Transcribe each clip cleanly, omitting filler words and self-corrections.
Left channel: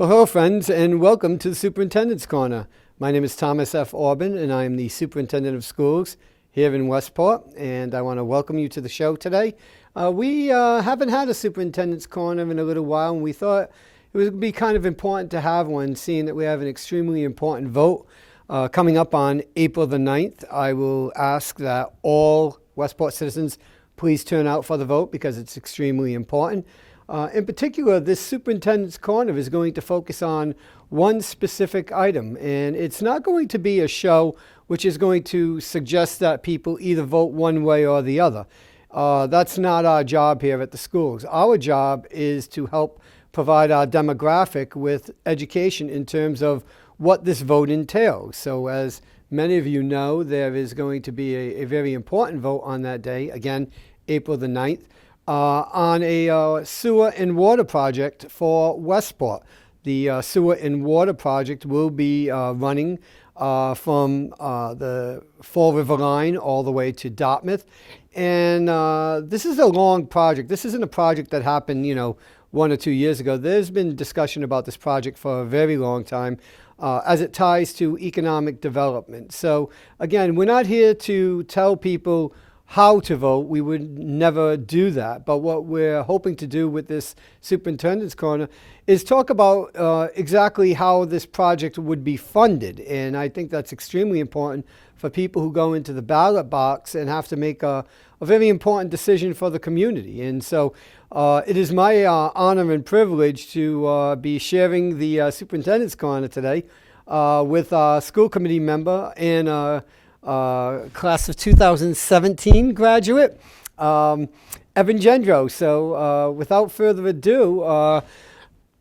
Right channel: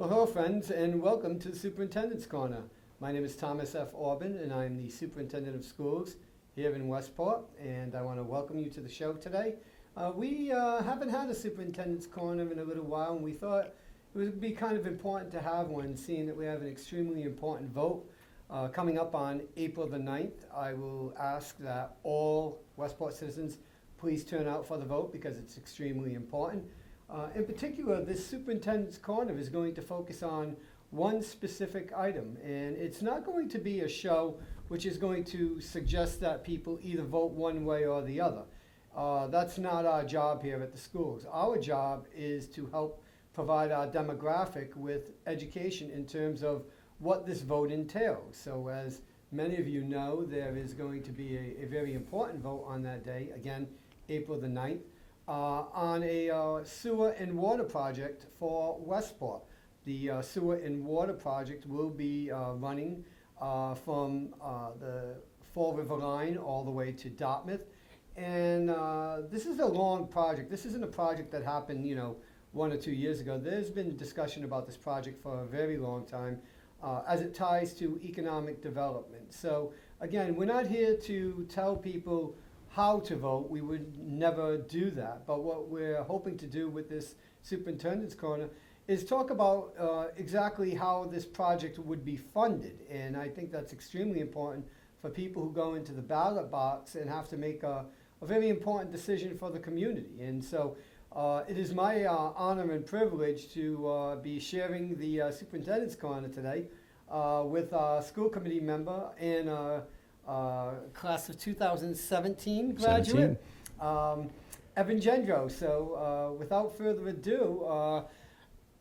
Well, hello, friends, and welcome to the Superintendent's Corner. My name is Thomas F. Orban, and I am the Superintendent of Schools here in Westport, and I want to welcome you to the show today. We haven't had a Superintendent's Corner in a little while, and we thought it would be kind of important to have one, seeing that we have an extremely important vote coming up on April the 9th. I will ask that all Westport citizens please turn out for the vote because it's extremely important. In particular, this Superintendent's Corner is going to focus on one specific item, and it's not going to be a show which is going to suggest that people either vote one way or the other. That's not our job here at the schools. Our job is to help provide our demographic with education in terms of what this vote entails. So as many of you know, there is going to be a very important vote on that day, again, April the 9th. On a sewer and water project for Westport. The sewer and water project will be running from the Fall River line all the way to Dartmouth. And this is a long project. This isn't a project that happened, 1 or 2 years ago. There's been discussion about this project for a very long time as it ties to economic development. So again, we're not here to tell people how to vote. We would never do that. But what we're hoping to do with this Superintendent's Corner is talk about exactly how this project would be funded. And I think that's extremely important for people who go into the ballot box and have to make a very important decision for the community. And so it is my honor and privilege to be sharing the Superintendent's Corner today with a school committee member and class of 2017 graduate, Evan Gendreau. So without further ado,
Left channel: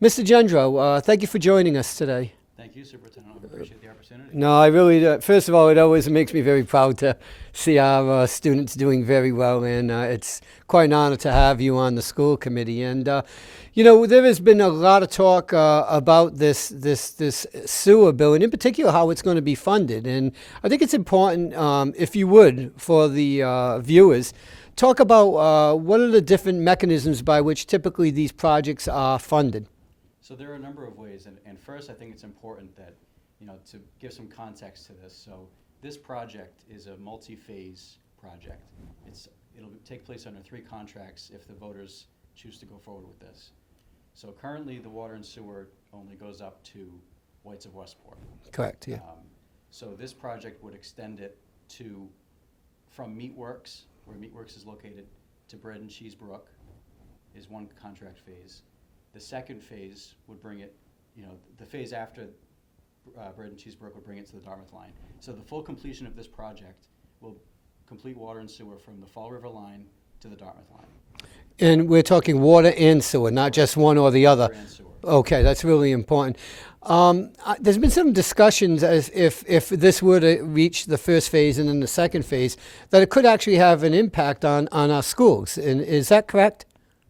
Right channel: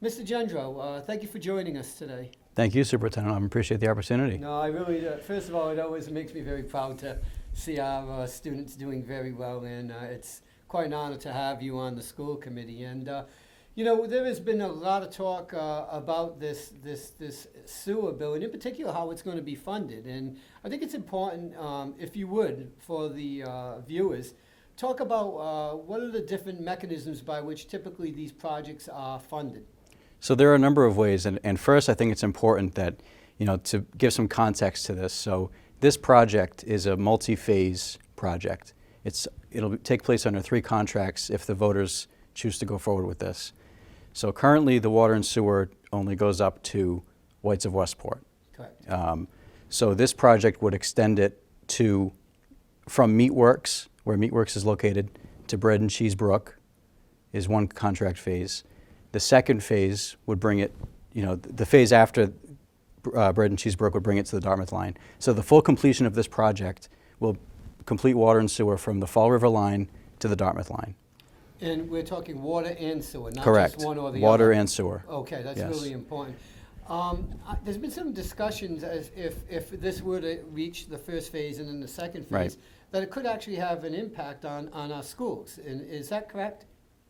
Mr. Gendreau, thank you for joining us today. Thank you, Superintendent. I appreciate the opportunity. No, I really, first of all, it always makes me very proud to see our students doing very well, and it's quite an honor to have you on the school committee. And there has been a lot of talk about this sewer bill, and in particular how it's going to be funded. And I think it's important, if you would, for the viewers, talk about what are the different mechanisms by which typically these projects are funded. So there are a number of ways, and first I think it's important that, to give some context to this. So this project is a multi-phase project. It'll take place under 3 contracts if the voters choose to go forward with this. So currently the water and sewer only goes up to Whites of Westport. Correct. Yeah. So this project would extend it from Meatworks, where Meatworks is located, to Bread and Cheese Brook is one contract phase. The second phase would bring it, the phase after Bread and Cheese Brook would bring it to the Dartmouth line. So the full completion of this project will complete water and sewer from the Fall River line to the Dartmouth line. And we're talking water and sewer, not Correct. Just one or the other. Water and sewer. Okay, that's Yes. really important. There's been some discussions as if this were to reach the first phase and then the second phase, that it could actually have an impact on our schools. And is that correct?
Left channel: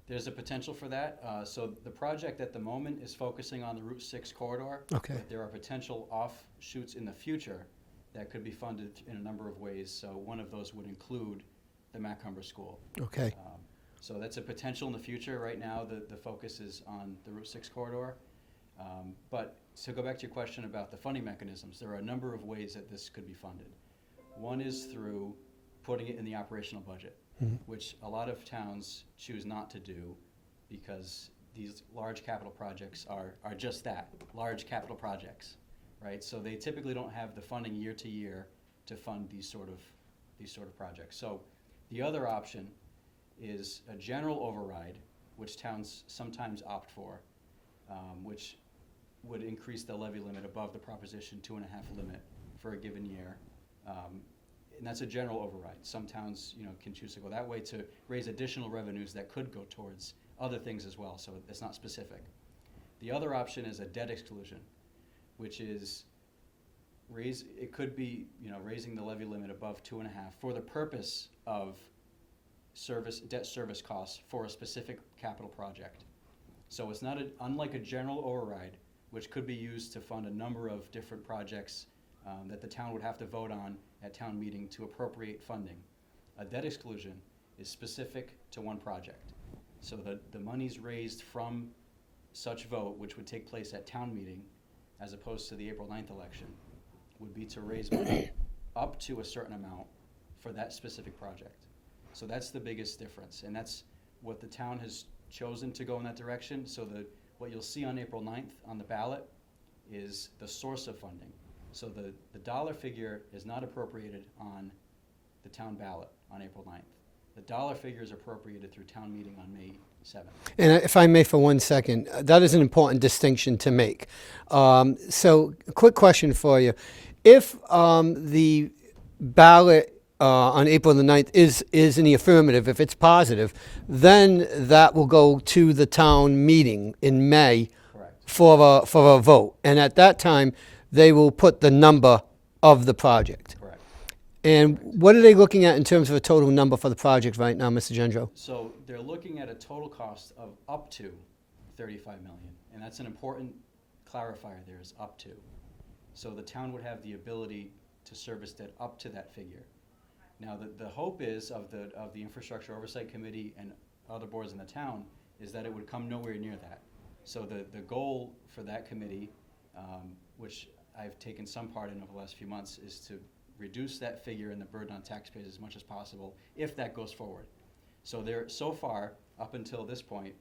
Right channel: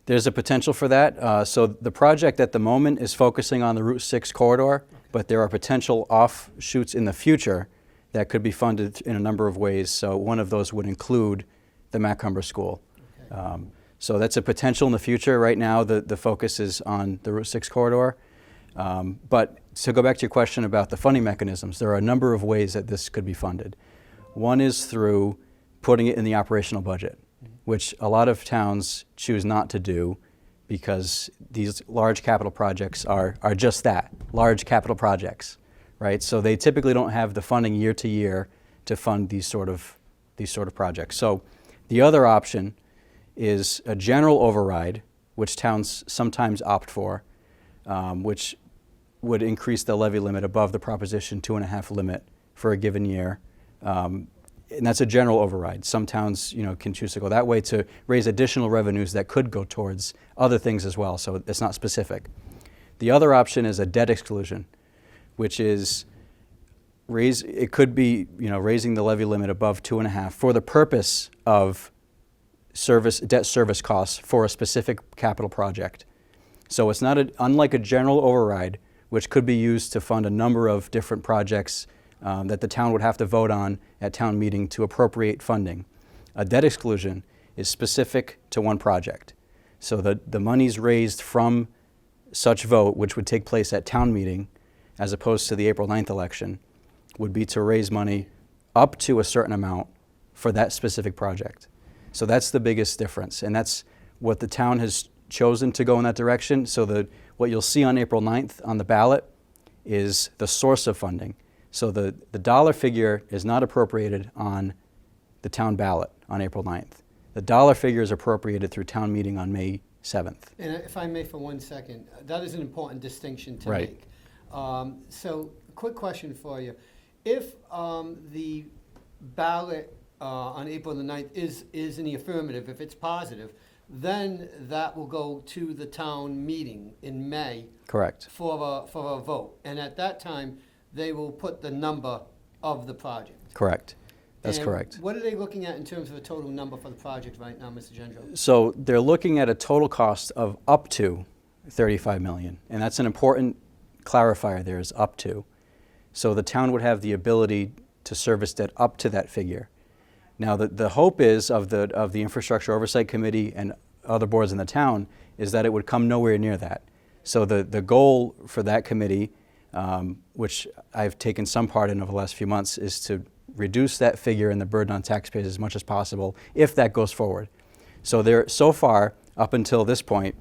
There's a potential for that. So the project at the moment is focusing on the Route 6 corridor, but there are potential offshoots in the future that could be funded in a number of ways. So one of those would include the Macomber School. Okay. So that's a potential in the future. Right now, the focus is on the Route 6 corridor. But to go back to your question about the funding mechanisms, there are a number of ways that this could be funded. One is through putting it in the operational budget, which a lot of towns choose not to do because these large capital projects are just that, large capital projects, right? So they typically don't have the funding year to year to fund these sort of projects. So the other option is a general override, which towns sometimes opt for, which would increase the levy limit above the Proposition 2.5 limit for a given year. And that's a general override. Some towns, can choose to go that way to raise additional revenues that could go towards other things as well, so it's not specific. The other option is a debt exclusion, which is it could be, raising the levy limit above 2.5 for the purpose of debt service costs for a specific capital project. So it's not unlike a general override, which could be used to fund a number of different projects that the town would have to vote on at town meeting to appropriate funding. A debt exclusion is specific to one project. So the monies raised from such vote, which would take place at town meeting, as opposed to the April 9th election, would be to raise money up to a certain amount for that specific project. So that's the biggest difference, and that's what the town has chosen to go in that direction. So what you'll see on April 9th on the ballot is the source of funding. So the dollar figure is not appropriated on the town ballot on April 9th. The dollar figure is appropriated through town meeting on May 7th. And if I may for 1 second, that is an important distinction to Right. make. So a quick question for you. If the ballot on April the 9th is in the affirmative, if it's positive, then that will go to the town meeting in May Correct. for a vote. And at that time, they will put the number of the project. Correct. That's And correct. what are they looking at in terms of a total number for the project right now, Mr. Gendreau? So they're looking at a total cost of up to $35 million, and that's an important clarifier there, is up to. So the town would have the ability to service debt up to that figure. Now, the hope is of the Infrastructure Oversight Committee and other boards in the town is that it would come nowhere near that. So the goal for that committee, which I've taken some part in over the last few months, is to reduce that figure and the burden on taxpayers as much as possible if that goes forward. So so far, up until this point,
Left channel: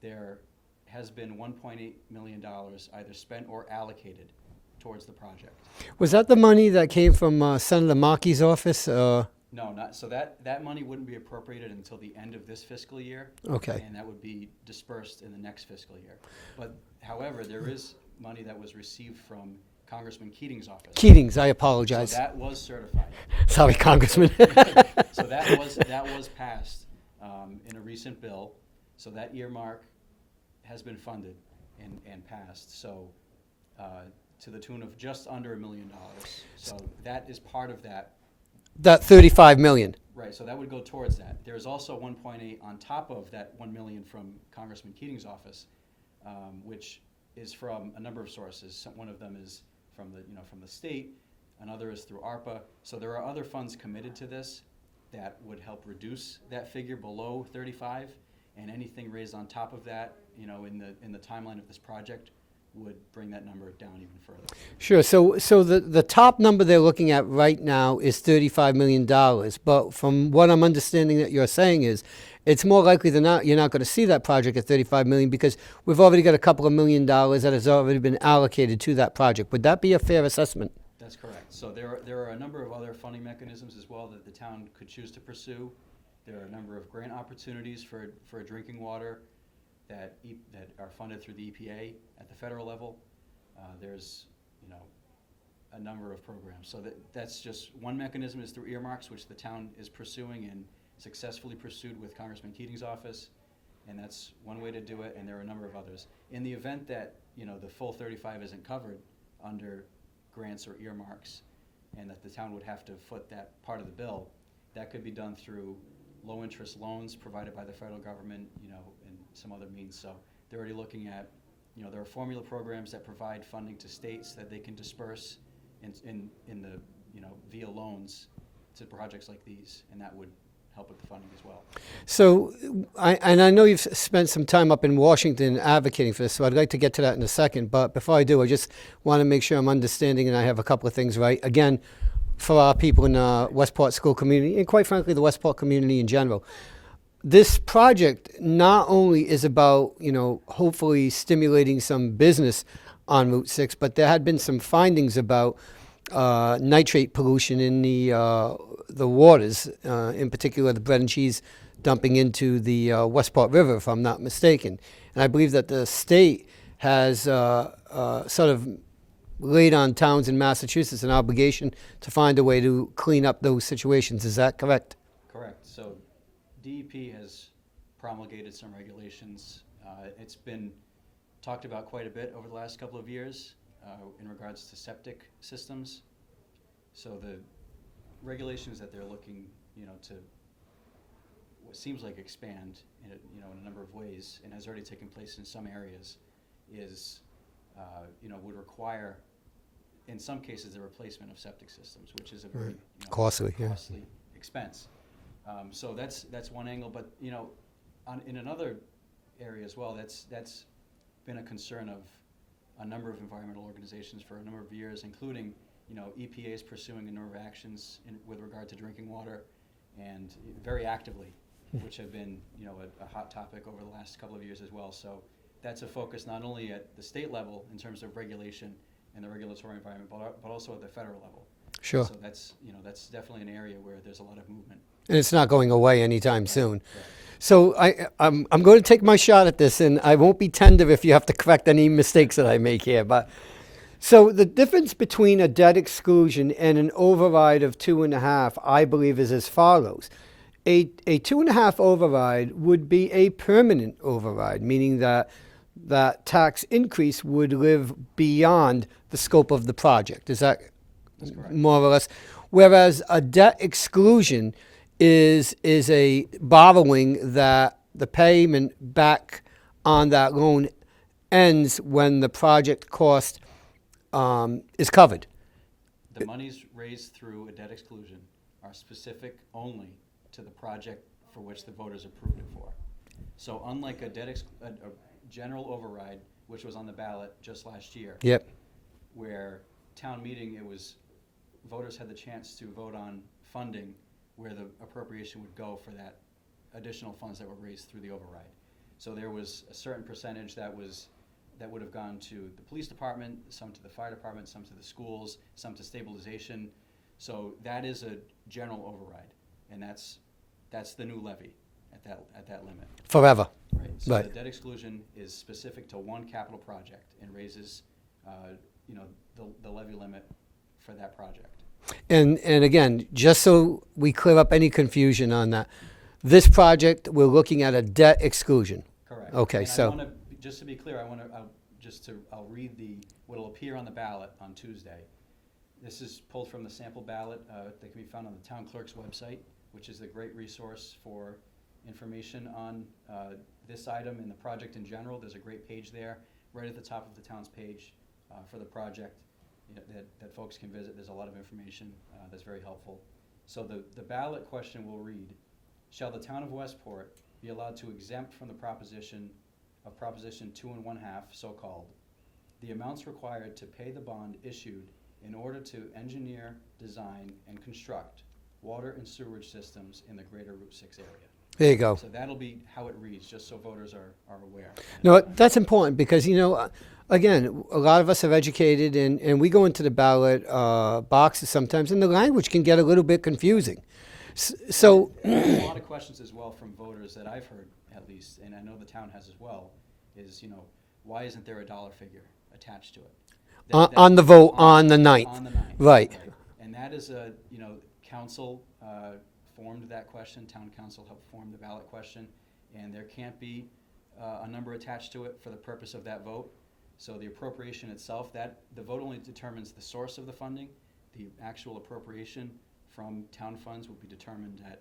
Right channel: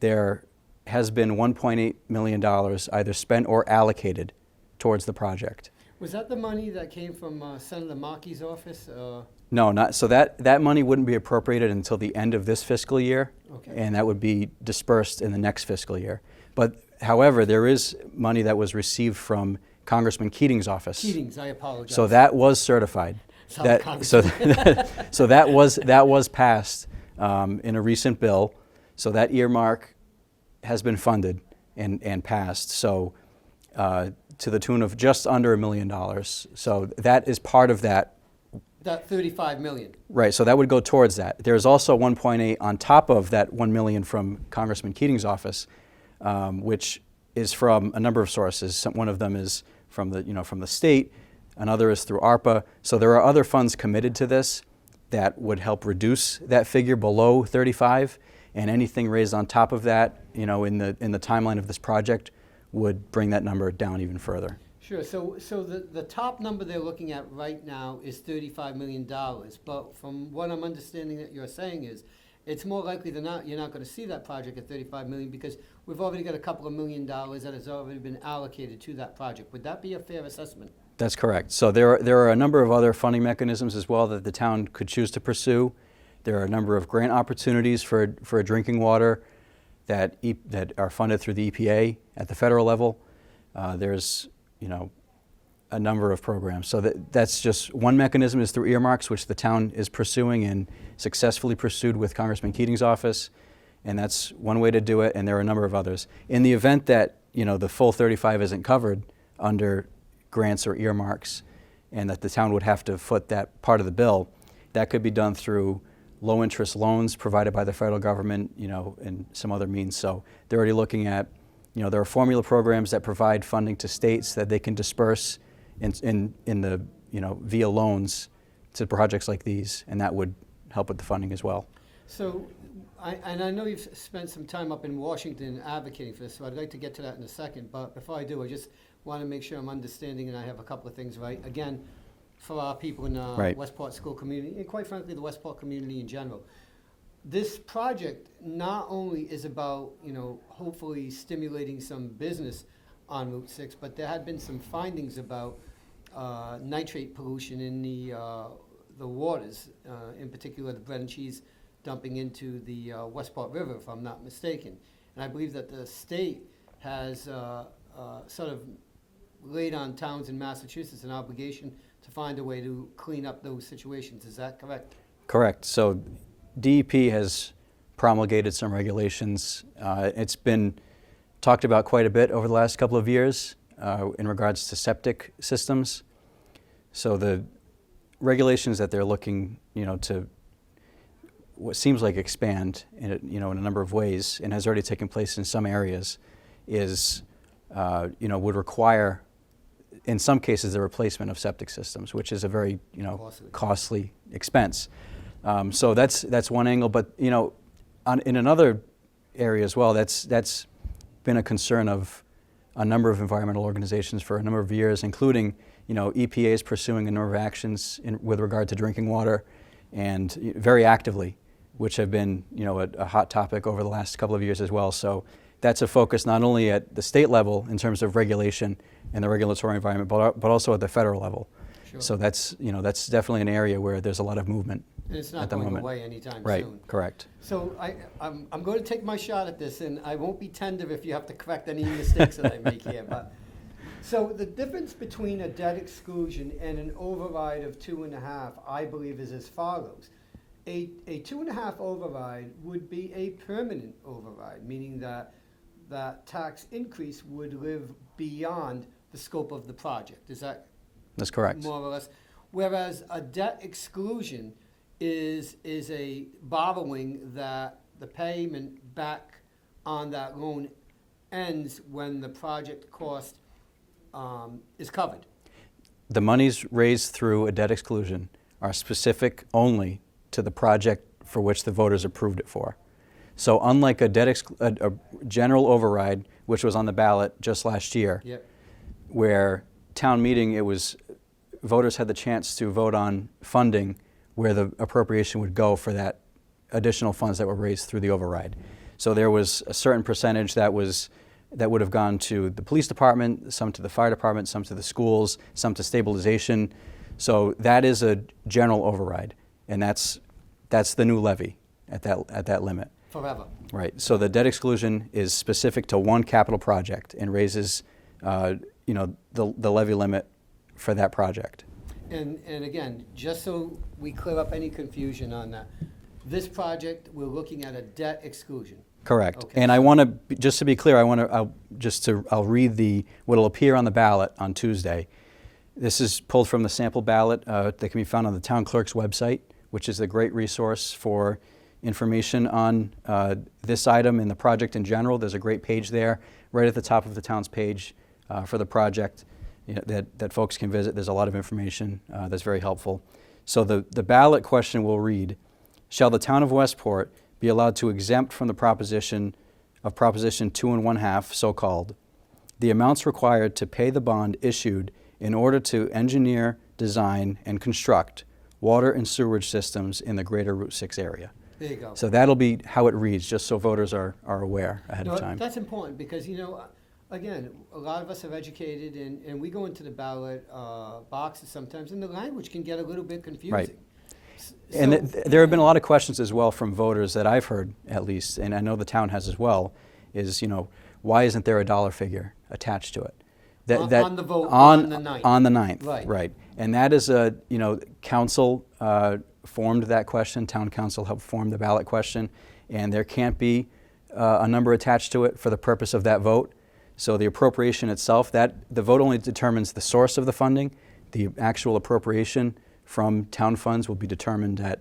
there has been $1.8 million either spent or allocated towards the project. Was that the money that came from Senator Markey's office? No, not so. That money wouldn't be appropriated until the end of this fiscal year. Okay. And that would be dispersed in the next fiscal year. But however, there is money that was received from Congressman Keating's office. Keating's, I apologize. So that was certified. Sorry, Congressman. So that was passed in a recent bill. So that earmark has been funded and passed. So to the tune of just under $1 million. So that is part of that. That $35 million. Right, so that would go towards that. There's also 1.8 on top of that $1 million from Congressman Keating's office, which is from a number of sources. One of them is from the state, another is through ARPA. So there are other funds committed to this that would help reduce that figure below 35, and anything raised on top of that, in the timeline of this project, would bring that number down even further. Sure. So the top number they're looking at right now is $35 million. But from what I'm understanding that you're saying is, it's more likely than not you're not going to see that project at $35 million because we've already got a couple of $1 million that has already been allocated to that project. Would that be a fair assessment? That's correct. So there are a number of other funding mechanisms as well that the town could choose to pursue. There are a number of grant opportunities for drinking water that are funded through the EPA at the federal level. There's a number of programs. So that's just one mechanism, is through earmarks, which the town is pursuing and successfully pursued with Congressman Keating's office. And that's one way to do it, and there are a number of others. In the event that the full 35 isn't covered under grants or earmarks, and that the town would have to foot that part of the bill, that could be done through low interest loans provided by the federal government, and some other means. So they're already looking at, there are formula programs that provide funding to states that they can disperse in the, via loans to projects like these, and that would help with the funding as well. So, I know you've spent some time up in Washington advocating for this, so I'd like to get to that in a second. But before I do, I just want to make sure I'm understanding and I have a couple of things right. Again, for our people in the Right. Westport school community, and quite frankly, the Westport community in general, this project not only is about, hopefully stimulating some business on Route 6, but there had been some findings about nitrate pollution in the waters, in particular the bread and cheese dumping into the Westport River, if I'm not mistaken. And I believe that the state has sort of laid on towns in Massachusetts an obligation to find a way to clean up those situations. Is that correct? Correct. So DEP has promulgated some regulations. It's been talked about quite a bit over the last couple of years in regards to septic systems. So the regulations that they're looking, to what seems like expand in a number of ways, and has already taken place in some areas, is would require, in some cases, the replacement of septic systems, which is a very costly expense. So that's one angle, but in another area as well, that's been a concern of a number of environmental organizations for a number of years, including, EPA is pursuing a number of actions with regard to drinking water, and very actively, which have been, a hot topic over the last couple of years as well. So that's a focus not only at the state level in terms of regulation and the regulatory environment, but also at the federal level. Sure. So that's definitely an area where there's a lot of movement. And it's not going away anytime Right, soon. correct. So I'm going to take my shot at this, and I won't be tender if you have to correct any mistakes that I make here. But so the difference between a debt exclusion and an override of 2.5, I believe, is as follows. A 2.5 override would be a permanent override, meaning that that tax increase would live beyond the scope of the project. Is that That's correct. more or less? Whereas a debt exclusion is a borrowing that the payment back on that loan ends when the project cost is covered. The monies raised through a debt exclusion are specific only to the project for which the voters approved it for. So unlike a general override, which was on the ballot just last year, Yep. where town meeting, voters had the chance to vote on funding where the appropriation would go for that additional funds that were raised through the override. So there was a certain percentage that would have gone to the police department, some to the fire department, some to the schools, some to stabilization. So that is a general override, and that's the new levy at that limit. Forever. Right. So Right. the debt exclusion is specific to one capital project and raises, the levy limit for that project. And again, just so we clear up any confusion on that, this project, we're looking at a debt exclusion. Correct. Okay, And I so- want to, just to be clear, I'll read what'll appear on the ballot on Tuesday. This is pulled from the sample ballot that can be found on the town clerk's website, which is a great resource for information on this item and the project in general. There's a great page there, right at the top of the town's page for the project that folks can visit. There's a lot of information that's very helpful. So the ballot question will read, shall the town of Westport be allowed to exempt from the Proposition 2 1/2, so-called, the amounts required to pay the bond issued in order to engineer, design, and construct water and sewerage systems in the greater Route 6 area? There you go. So that'll be how it reads, just so voters are aware ahead No, of time. that's important because, again, a lot of us are educated and we go into the ballot boxes sometimes and the language can get a little bit confusing. So There have been a lot of questions as well from voters that I've heard, at least, and I know the town has as well, is, why isn't there a dollar figure attached to it? On the vote on the 9th. On the 9th. Right. Right. And that is council formed that question, town council helped form the ballot question, and there can't be a number attached to it for the purpose of that vote. So the appropriation itself, the vote only determines the source of the funding. The actual appropriation from town funds will be determined at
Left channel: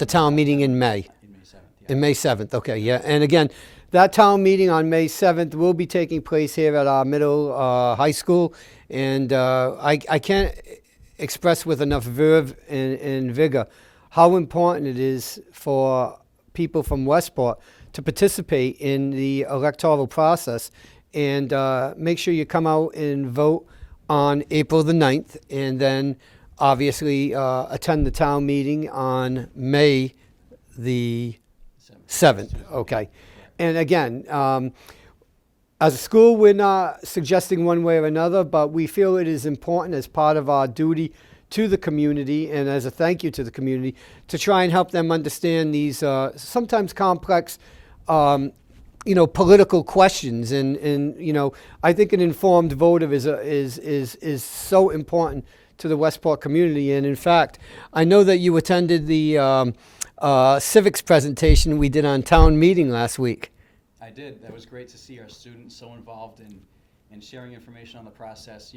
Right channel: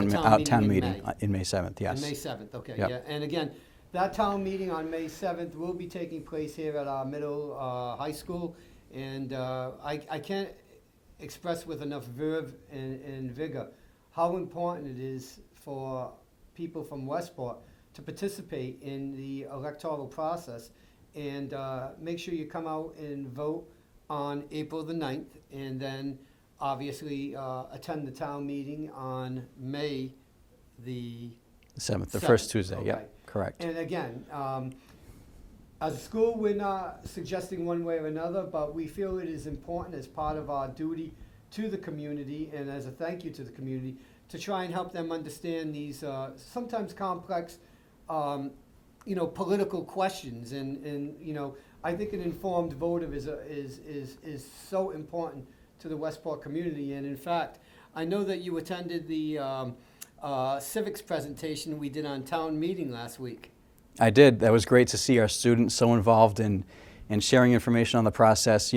the town meeting in May. In May 7th, yes. In May 7th, okay, Yep. yeah. And again, that town meeting on May 7th will be taking place here at our middle high school. And I can't express with enough verve and vigor how important it is for people from Westport to participate in the electoral process and make sure you come out and vote on April the 9th and then obviously attend the town meeting on May the 7th, the 7th. first Tuesday. Okay. Yeah, correct. And again, as a school, we're not suggesting one way or another, but we feel it is important as part of our duty to the community and as a thank you to the community to try and help them understand these sometimes complex political questions. And I think an informed voter is so important to the Westport community. And in fact, I know that you attended the civics presentation we did on town meeting last week. I did. That was great to see our students so involved in sharing information on the process.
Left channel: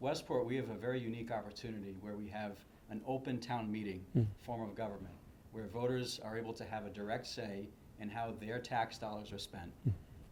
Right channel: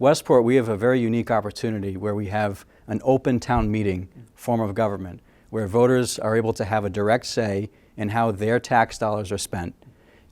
Westport, we have a very unique opportunity where we have an open town meeting form of government where voters are able to have a direct say in how their tax dollars are spent.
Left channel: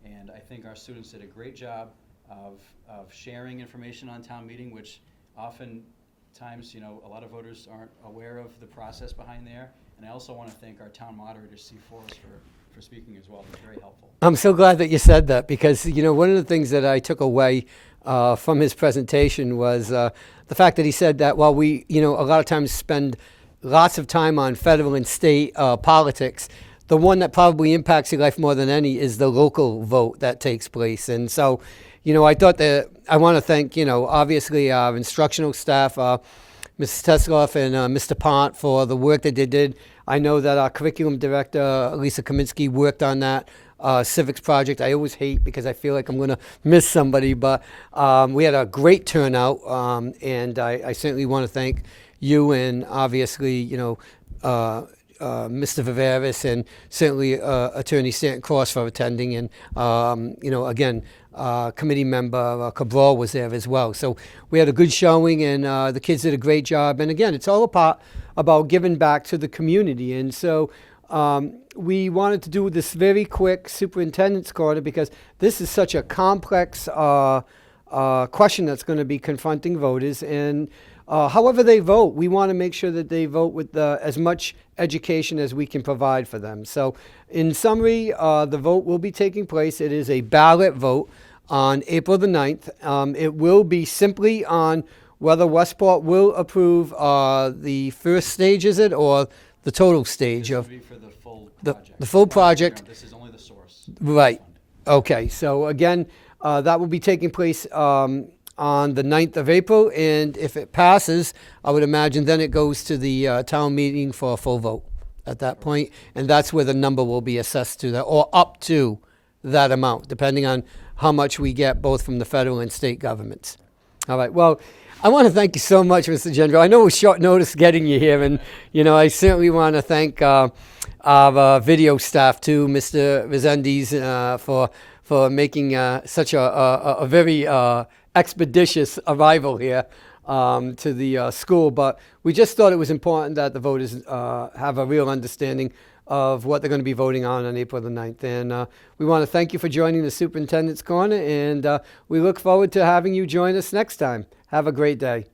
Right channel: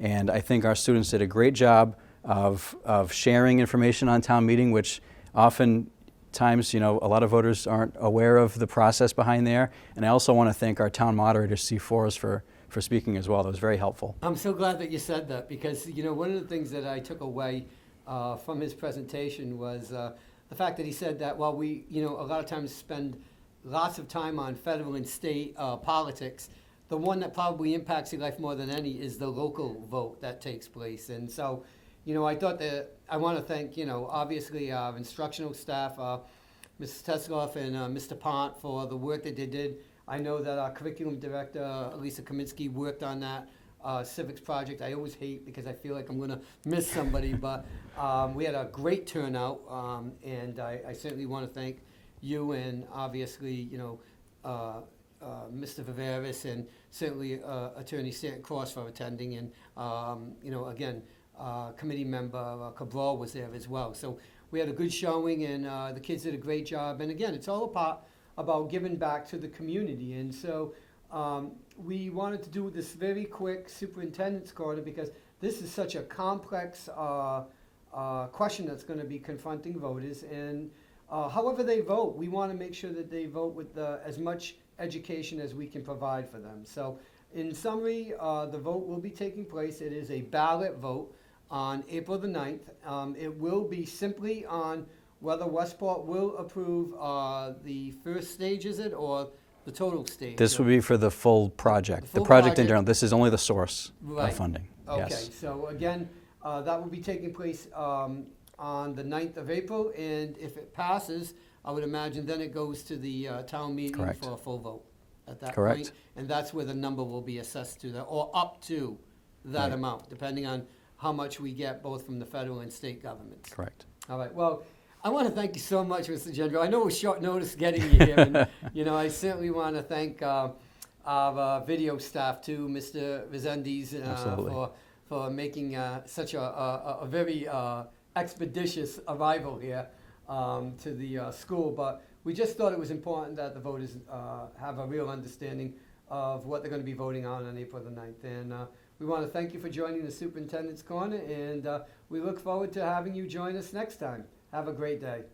And I think our students did a great job of sharing information on town meeting, which oftentimes, a lot of voters aren't aware of the process behind there. And I also want to thank our town moderator, Steve Forrest, for for speaking as well. That was very helpful. I'm so glad that you said that because, one of the things that I took away from his presentation was the fact that he said that while we, a lot of times spend lots of time on federal and state politics, the one that probably impacts your life more than any is the local vote that takes place. And so, I thought that I want to thank, obviously our instructional staff, Mrs. Tesloff and Mr. Pont for the work that they did. I know that our curriculum director, Lisa Kaminsky, worked on that civics project. I always hate because I feel like I'm going to miss somebody, but we had a great turnout, and I certainly want to thank you and obviously, Mr. Viveris and certainly Attorney Stanton Cross for attending, and again, committee member Cabral was there as well. So we had a good showing, and the kids did a great job. And again, it's all about giving back to the community. And so we wanted to do this very quick superintendent's corner because this is such a complex question that's going to be confronting voters. And however they vote, we want to make sure that they vote with as much education as we can provide for them. So in summary, the vote will be taking place. It is a ballot vote on April the 9th. It will be simply on whether Westport will approve the first stage, is it, or the total stage? This will be for the full project. The full project. This is only the source Right. of funding. Okay, Yes. so again, that will be taking place on the 9th of April, and if it passes, I would imagine then it goes to the town meeting Correct. for a full vote at that Correct. point, and that's where the number will be assessed to that, or up to that amount, depending on how much we get both from the federal and state governments. Correct. All right, well, I want to thank you so much, Mr. Gendreau. I know it was short notice getting you here, and I certainly want to thank our video staff too, Mr. Rezendes, for making such a very expeditious arrival here to the school. But we just thought it was important that the voters have a real understanding of what they're going to be voting on April the 9th. And we want to thank you for joining the Superintendent's Corner, and we look forward to having you join us next time. Have a great day.